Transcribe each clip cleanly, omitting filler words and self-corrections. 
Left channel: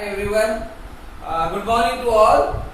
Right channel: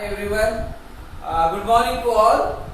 everyone. Good morning to all.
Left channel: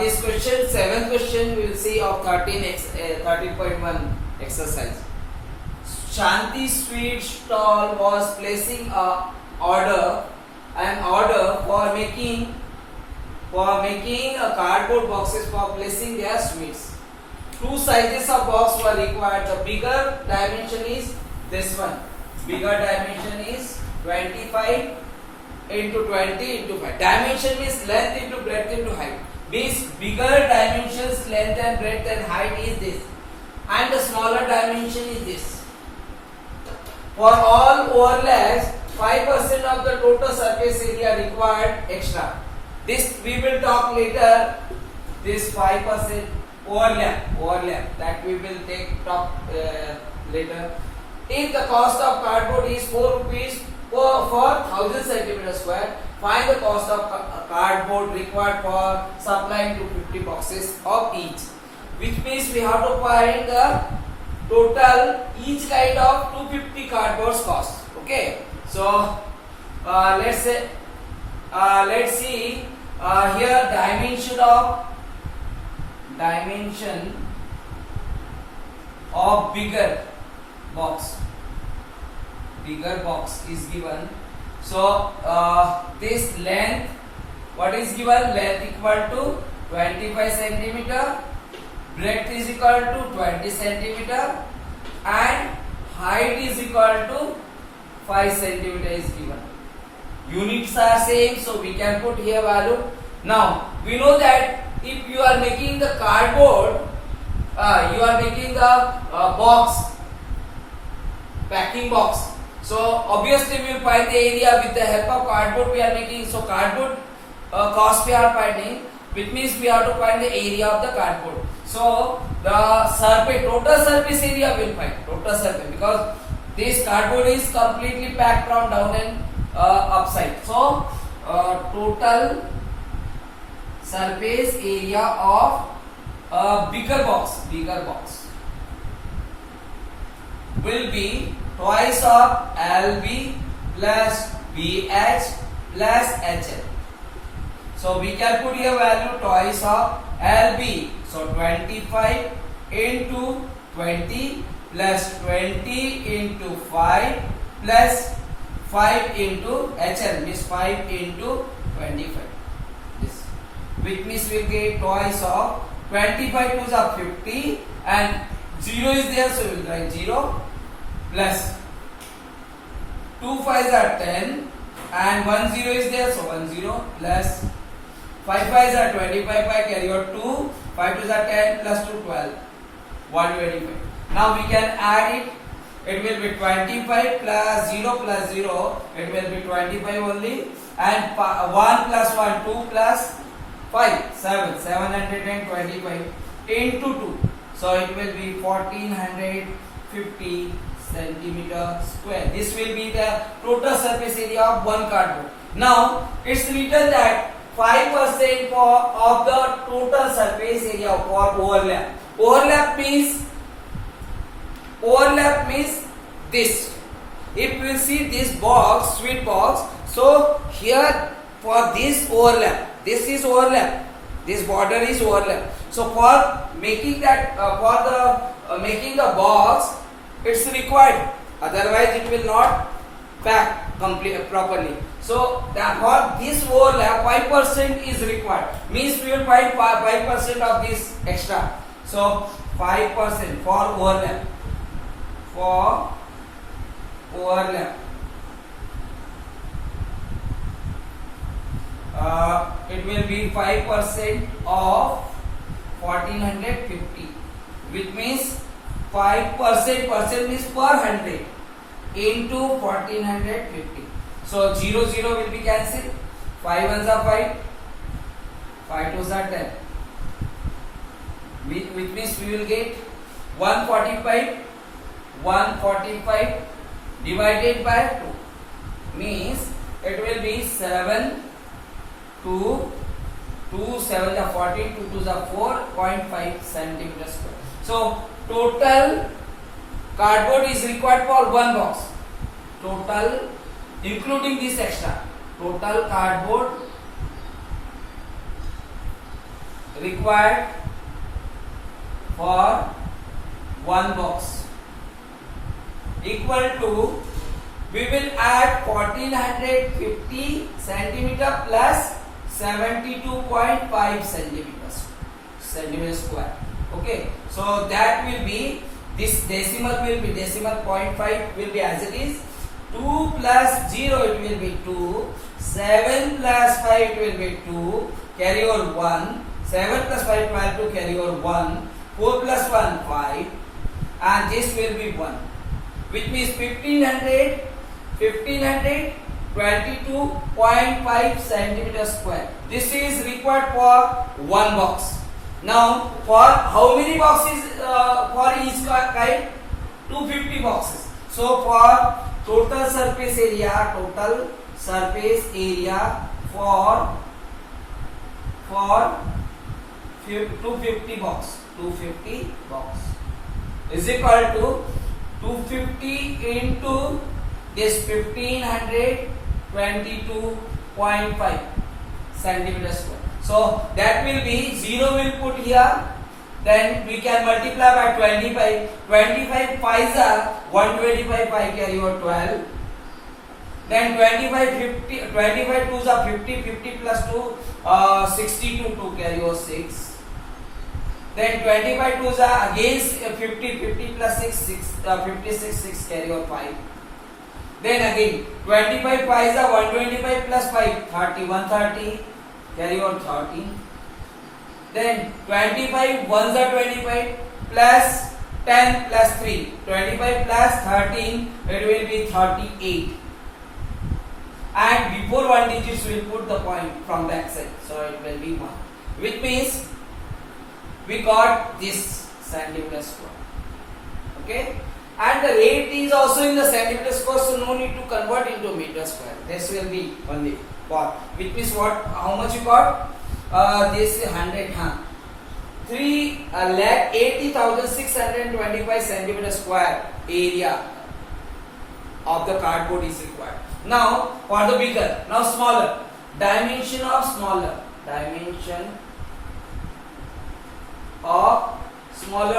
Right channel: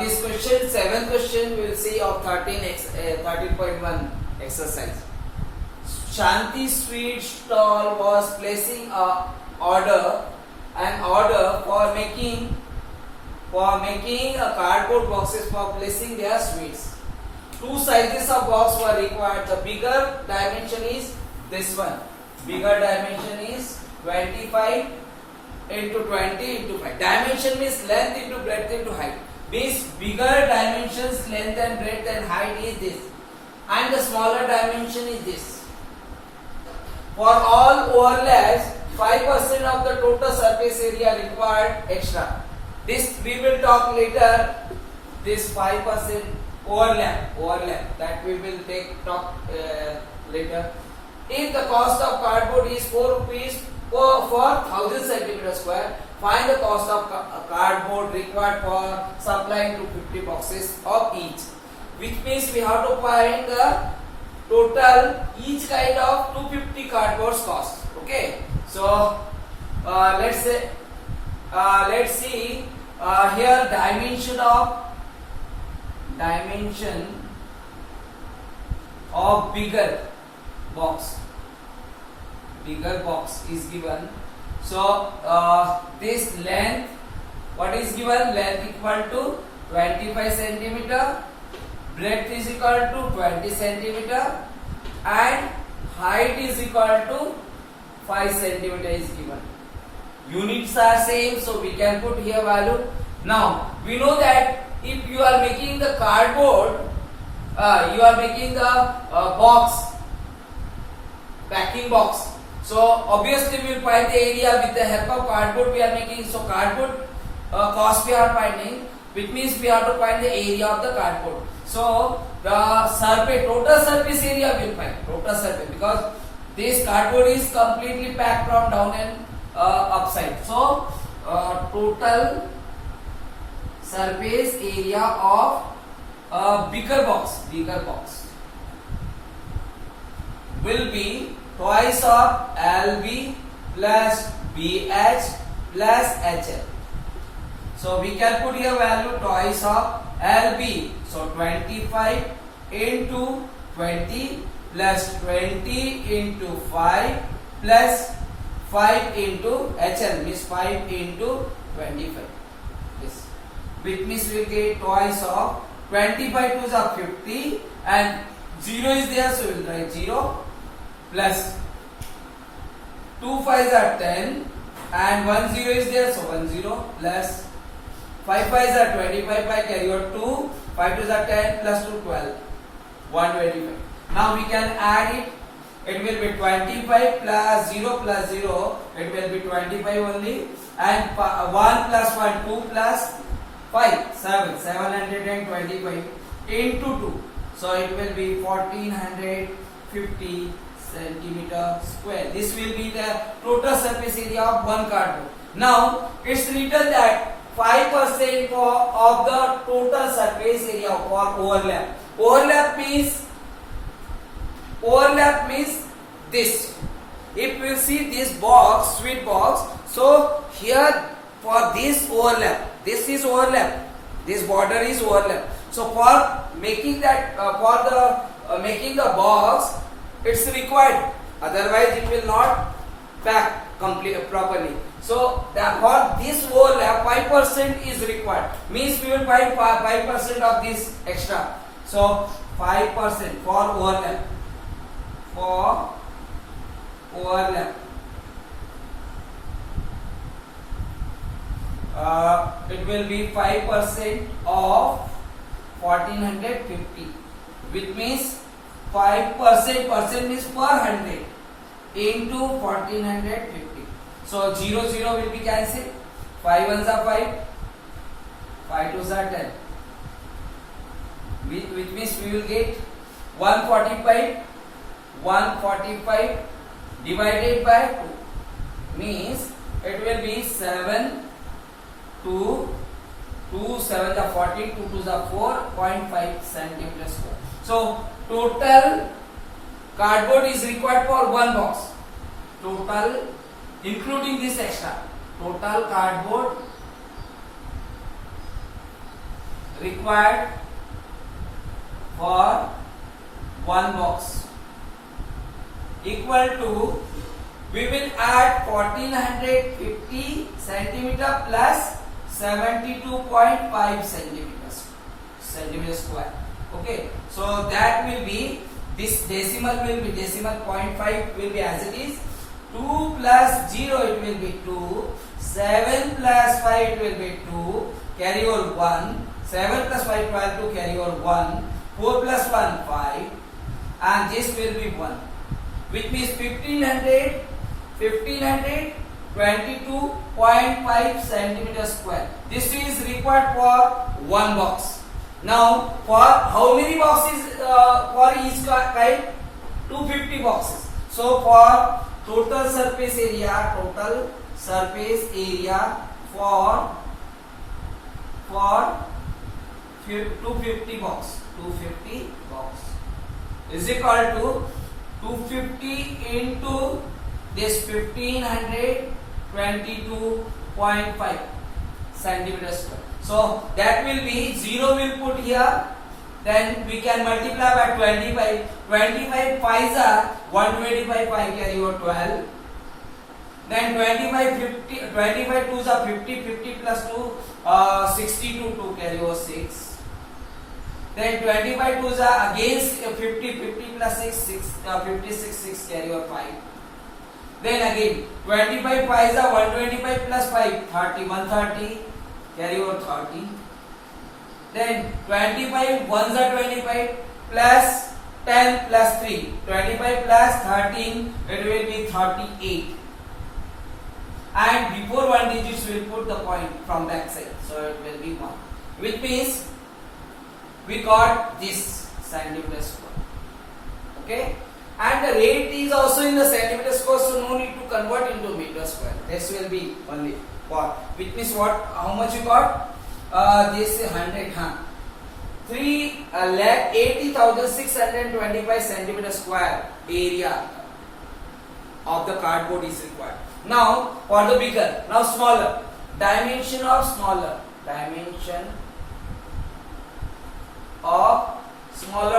This question, seventh question, we will see of 13.1 exercise. Shanti sweet stall was placing an order for making a cardboard boxes for placing their sweets. Two sizes of box were required. The bigger dimension is this one. Bigger dimension is 25 into 20 into 5. Dimension means length into breadth into height. Means bigger dimensions, length and breadth and height is this, and the smaller dimension is this. For all overlaps, 5% of the total surface area required extra. This we will talk later. This 5% overlap that we will talk later. If the cost of cardboard is 4 rupees for 1000 centimeter square, find the cost of cardboard required for supplying to 50 boxes of each. Which means we have to find the total each kind of 250 cardboards cost. Okay. So let's see here dimension of bigger box is given. So this length, what is given? Length equal to 25 centimeter, breadth is equal to 20 centimeter, and height is equal to 5 centimeter is given. Units are same, so we can put here value. Now we know that if you are making the cardboard, you are making the box, packing box. So obviously we will find the area with the help of cardboard we are making. So cardboard cost we are finding, which means we have to find the area of the cardboard. So the surface, total surface area will find total surface, because this cardboard is completely packed from down and upside. So total surface area of bigger box will be twice of LB plus BH plus HL. So we can put here value twice of LB. So 25 into 20 plus 20 into 5 plus 5 into HL, means 5 into 25. Yes. Which means we get twice of 25 to the 50 and 0 is there, so we will write 0 plus 2 5s are 10 and 1 0 is there, so 1 0 plus 5 5s are 25, by carry out 2, 5 2s are 10 plus 2 12, 125. Now we can add it. It will be 25 plus 0, it will be 25 only, and 1 plus 1 2 plus 5 725 into 2, so it will be 1450 centimeter square. This will be the total surface area of one cardboard. Now it's written that 5% of the total surface area for overlap. Overlap means this. If we see this box, sweet box, so here for this overlap, this is overlap, this border is overlap. So for making that, making the box, it's required. Otherwise, it will not pack properly. So for this overlap, 5% is required. Means we will find 5% of this extra. So 5% for overlap. It will be 5% of 1450, which means 5% means per 100 into 1450. So 0 will be cancelled. 5 1s are 5, 5 2s are 10. Which means we will get 145 divided by 2, means it will be 7 2 7 the 14, 2 2 the 4.5 centimeter square. So total cardboard is required for one box. Total including this extra total cardboard required for one box equal to, we will add 1450 centimeter plus 72.5 centimeters square. Okay, so that will be, this decimal will be, decimal 0.5 will be as it is, 2 plus 0 it will be 2, 7 plus 5 it will be 2, carry over 1, 7 plus 5 12 to carry over 1, 4 plus 1 5, and this will be 1, which means 1522.5 centimeters square. This is required for one box. Now for how many boxes for each kind? 250 boxes. So for total surface area for 250 box is equal to 250 into this 1522.5 centimeters square. So that will be 0 will put here, then we can multiply by 25. 25 5s are 125, 5 carry over 12. Then 25 2s are 50, 50 plus 2 62, 2 carry over 6. Then 25 2s are again 50, 50 plus 6 56, 6 carry over 5. Then again 25 5s are 125 plus 5 30, 130 carry over 30. Then 25 1s are 25 plus 10 plus 3, 25 plus 13, it will be 38. And before one digits we will put the point from back side, so it will be 1, which means we got this centimeter square. Okay, and the rate is also in the centimeter square, so no need to convert into meter square. This will be only for, which means what, how much you got? This is 100, 3,80,625 centimeter square area of the cardboard is required. Now for the bigger, now smaller, dimension of smaller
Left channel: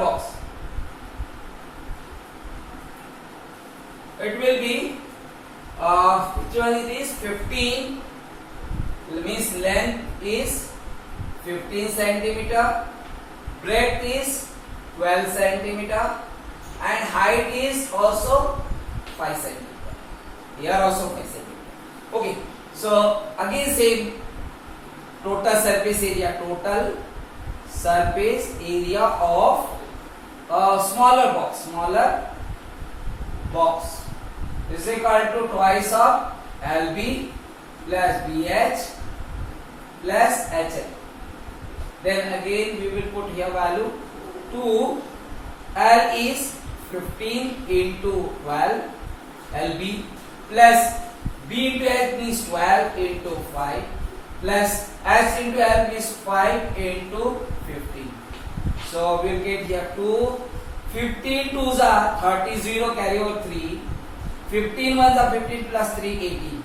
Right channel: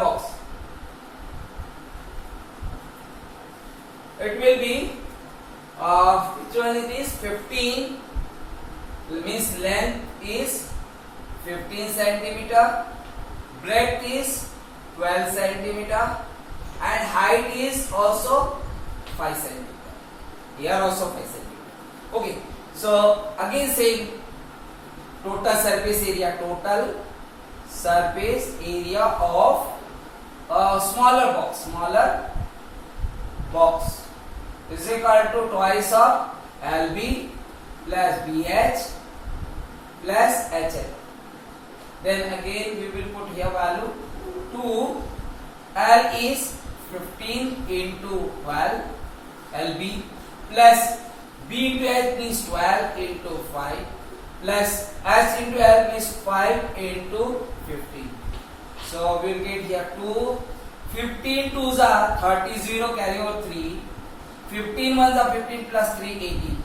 box, it will be which one it is, 15, means length is 15 centimeter, breadth is 12 centimeter, and height is also 5 centimeter. Here also 5 centimeter. Okay, so again same, total surface area of a smaller box is equal to twice of LB plus BH plus HL. Then again we will put here value 2, L is 15 into 12 LB plus B into H means 12 into 5 plus H into L means 5 into 15. So we will get here 2, 15 2s are 30, 0 carry over 3, 15 1s are 15 plus 3 18.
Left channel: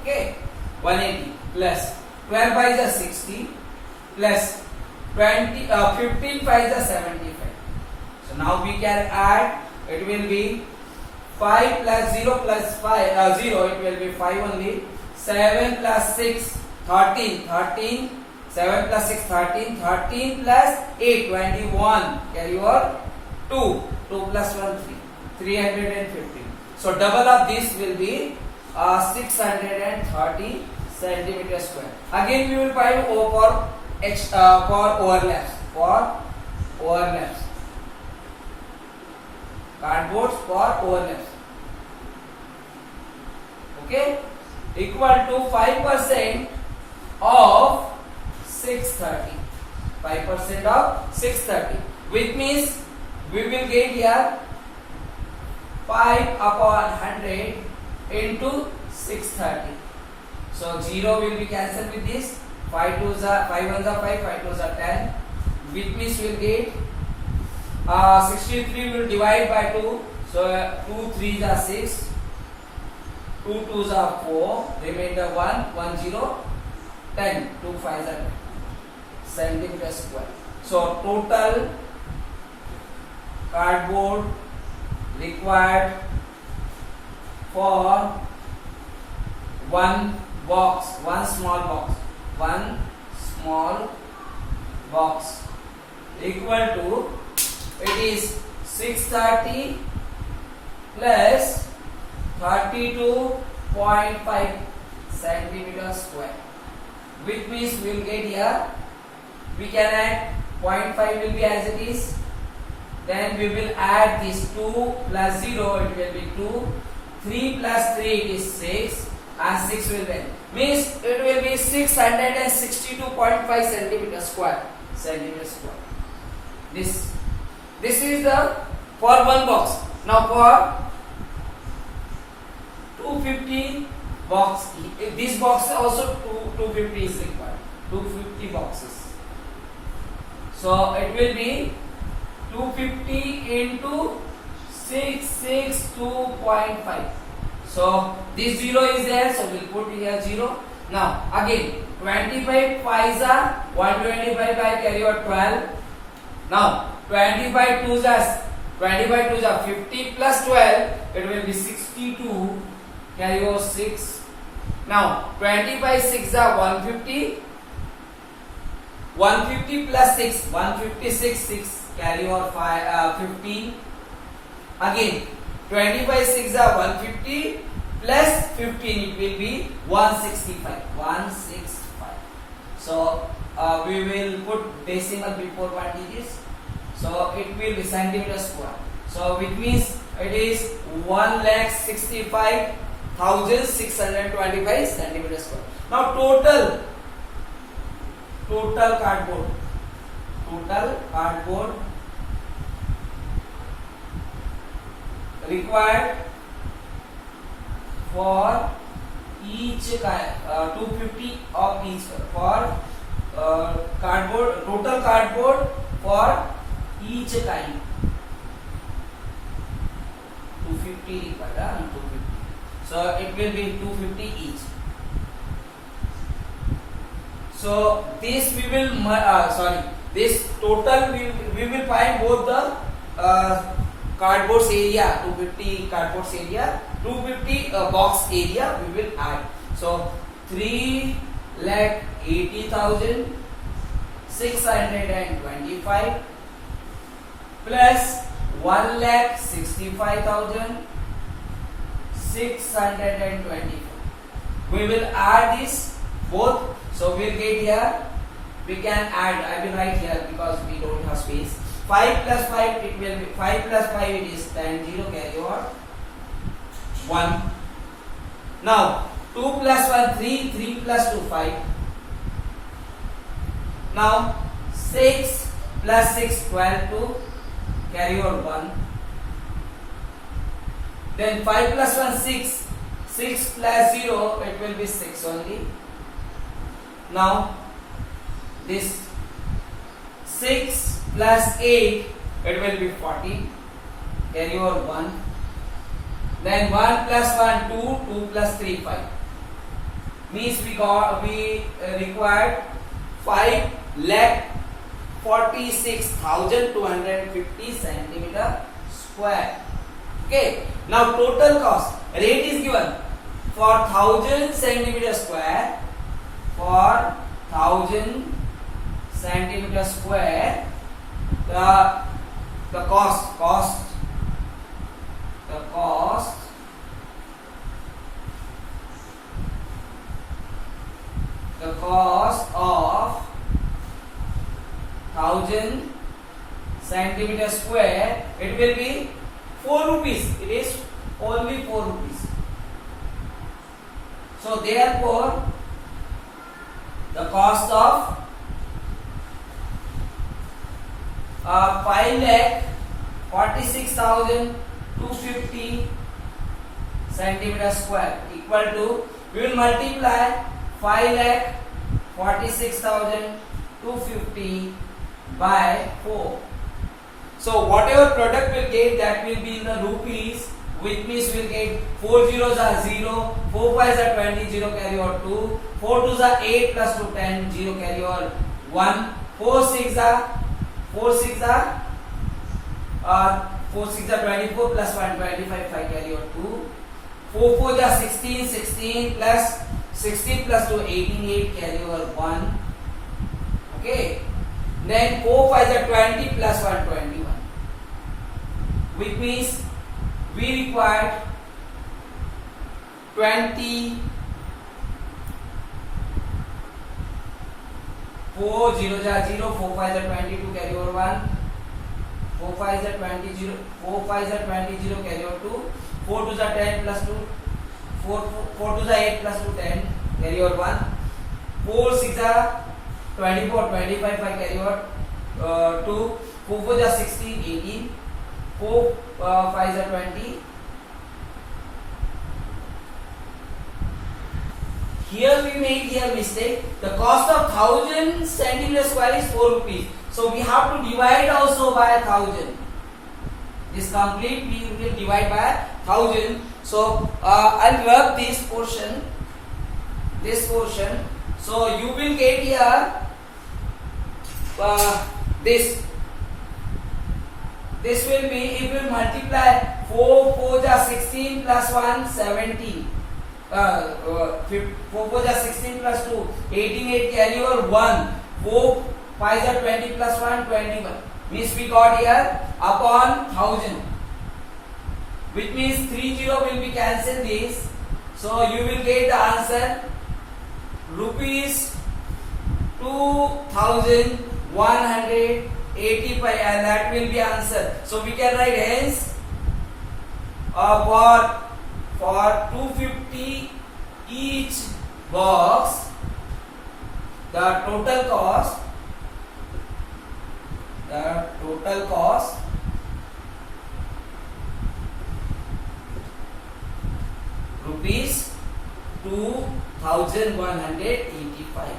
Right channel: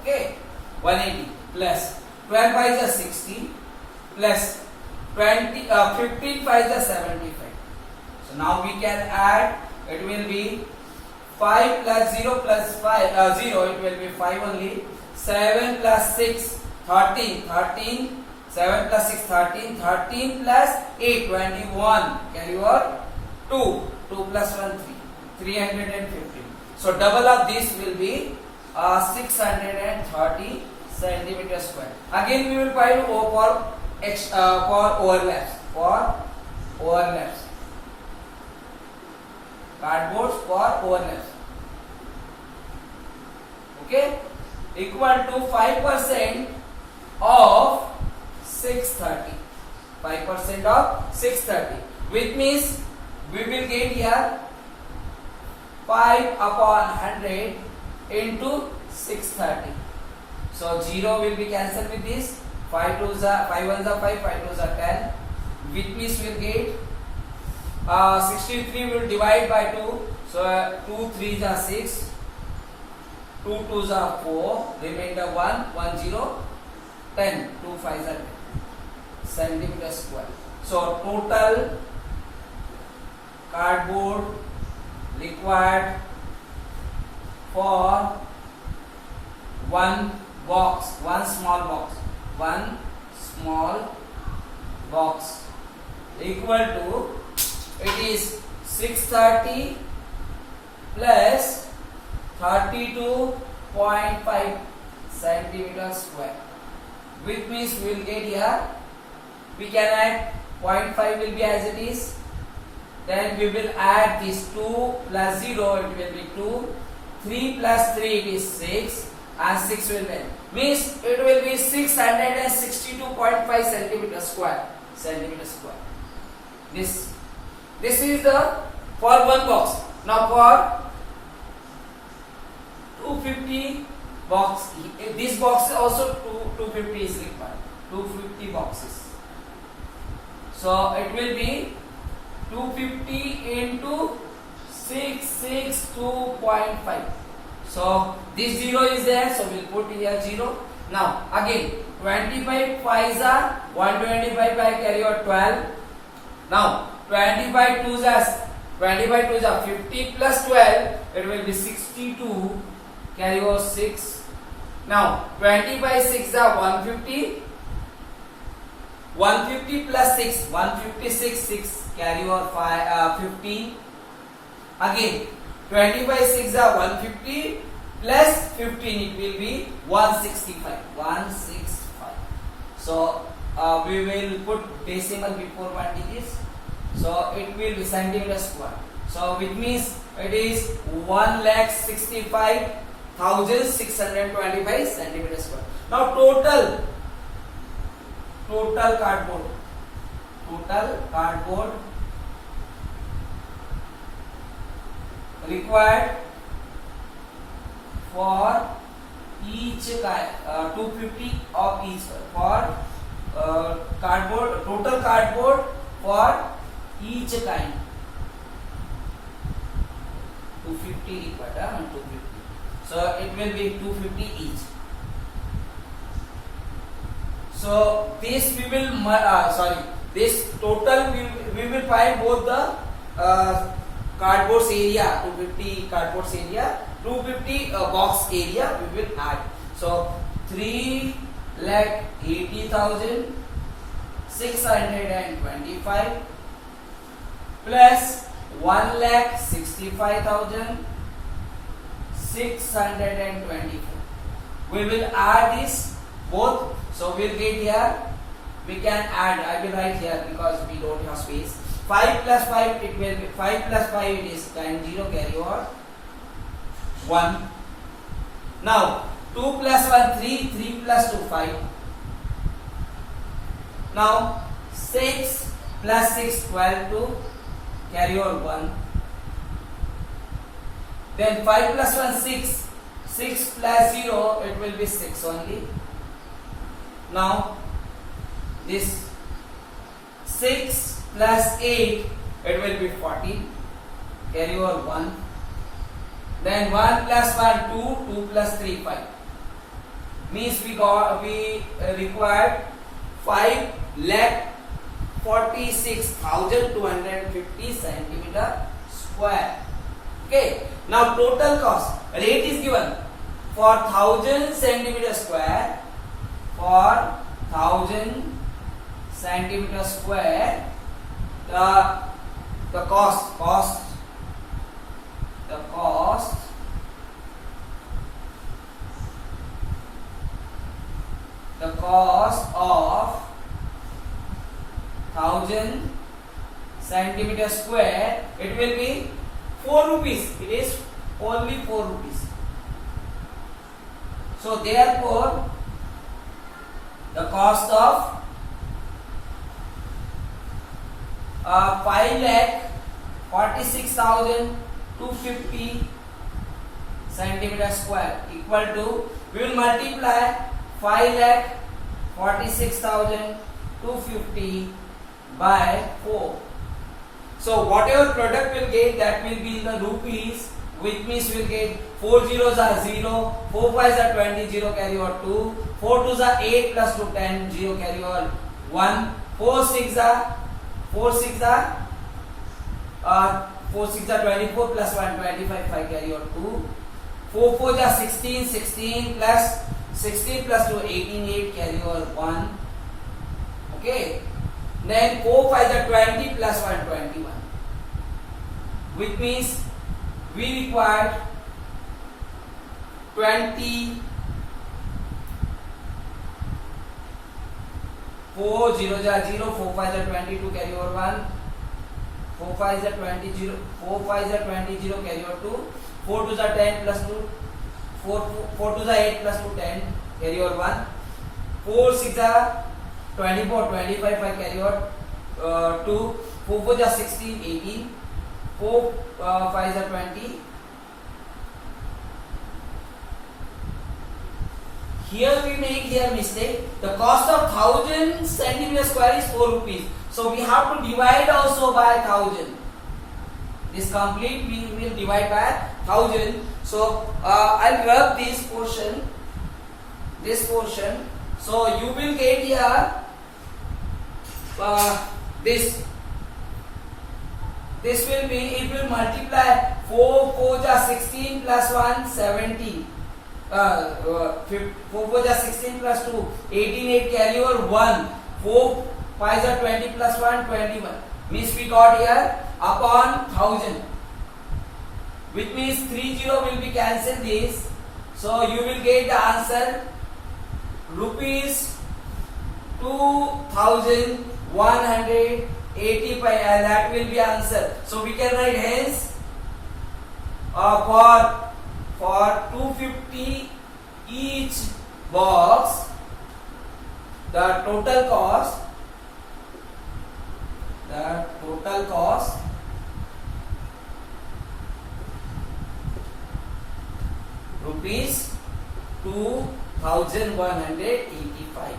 Okay, 180 plus 12 5s are 60 plus 15 5s are 75. So now we can add, it will be 5 plus 0 plus 5 0, it will be 5 only. 7 plus 6 13, 7 plus 6 13, 13 plus 8 21, carry over 2 plus 1 3, 315. So double of this will be 630 centimeter square. Again we will find O for overlaps, cardboards for overlaps. Okay, equal to 5% of 630. 5% of 630, which means we will get here 5 upon 100 into 630. So 0 will be cancelled with this. 5 2s are 5 1s are 5, 5 2s are 10, which means we will get 63 will divide by 2, so 2 3s are 6, 2 2s are 4, remainder 1, 1 0, 10, 2 5s are 10 centimeter square. So total cardboard required for one small box equal to, it is 630 plus 32.5 centimeter square, which means we will get here, we can add 0.5 will be as it is, then we will add this 2 plus 0, it will be 2, 3 plus 3 it is 6, and 6 will be, means it will be 662.5 centimeter square. This is the for one box. Now for 250 box, this box also 250 is required, 250 boxes. So it will be 250 into 662.5. So this 0 is there, so we'll put here 0. Now again 25 5s are 125 by carry over 12. Now 25 2s are 50 plus 12, it will be 62, carry over 6. Now 25 6 are 150, 150 plus 6, 156, 6, carry over 15. Again 25 6 are 150 plus 15, it will be 165. So we will put decimal before 1 digits, so it will be centimeter square. So which means it is 1,65,625 centimeter square. Now total cardboard required for each 250 of each for total cardboard for each kind 250 required, 250. So it will be 250 each. So this we will this total we will find both the cardboard area, 250 cardboard area, 250 box area we will add. So 3,80,625 plus 1,65,624. We will add this both. So we'll get here. We can add. I will write here because we don't have space. 5 plus 5 it will be 5 plus 5 it is times 0, carry over 1. Now 2 plus 1 3, 3 plus 2 5. Now 6 plus 6 12 2, carry over 1. Then 5 plus 1 6, 6 plus 0 it will be 6 only. Now this 6 plus 8 it will be 14, carry over 1. Then 1 plus 1 2, 2 plus 3 5, means we required 5,46,250 centimeter square. Okay. Now total cost rate is given for 1000 centimeter square. For 1000 centimeter square, the cost of 1000 centimeter square, it will be 4 rupees. It is only 4 rupees. So therefore the cost of 5,46,250 centimeter square equal to, we will multiply 5,46,250 by 4. So whatever product will get, that will be in the rupees, which means we'll get 4 zeros are 0, 4 5s are 20, 0 carry over 2, 4 2s are 8 plus 2 10, 0 carry over 1, 4 6 are 4 6 are 24 plus 1 25, 5 carry over 2, 4 4 are 16, 16 plus 16 plus 2 18, 8 carry over 1. Okay, then 4 5 are 20 plus 1 21, which means we required 20, 4 0s are 0, 4 5s are 22 carry over 1, 4 5s are 20 0, 4 5s are 20 0 carry over 2, 4 2s are 10 plus 2, 4 2s are 8 plus 2 10 carry over 1, 4 6 are 24 25 5 carry over 2, 4 4s are 16 18, 4 5s are 20. Here we made here mistake. The cost of 1000 centimeter square is 4 rupees. So we have to divide also by 1000. This complete we will divide by 1000. So I'll rub this portion. So you will get here this will be, it will multiply 4 4s are 16 plus 1 17, 4 4s are 16 plus 2 18, 8 carry over 1, 4 5s are 20 plus 1 21, means we got here upon 1000, which means 30 will be cancelled this. So you will get the answer rupees 2185, and that will be answer. So we can write hence for 250 each box, the total cost rupees 2185.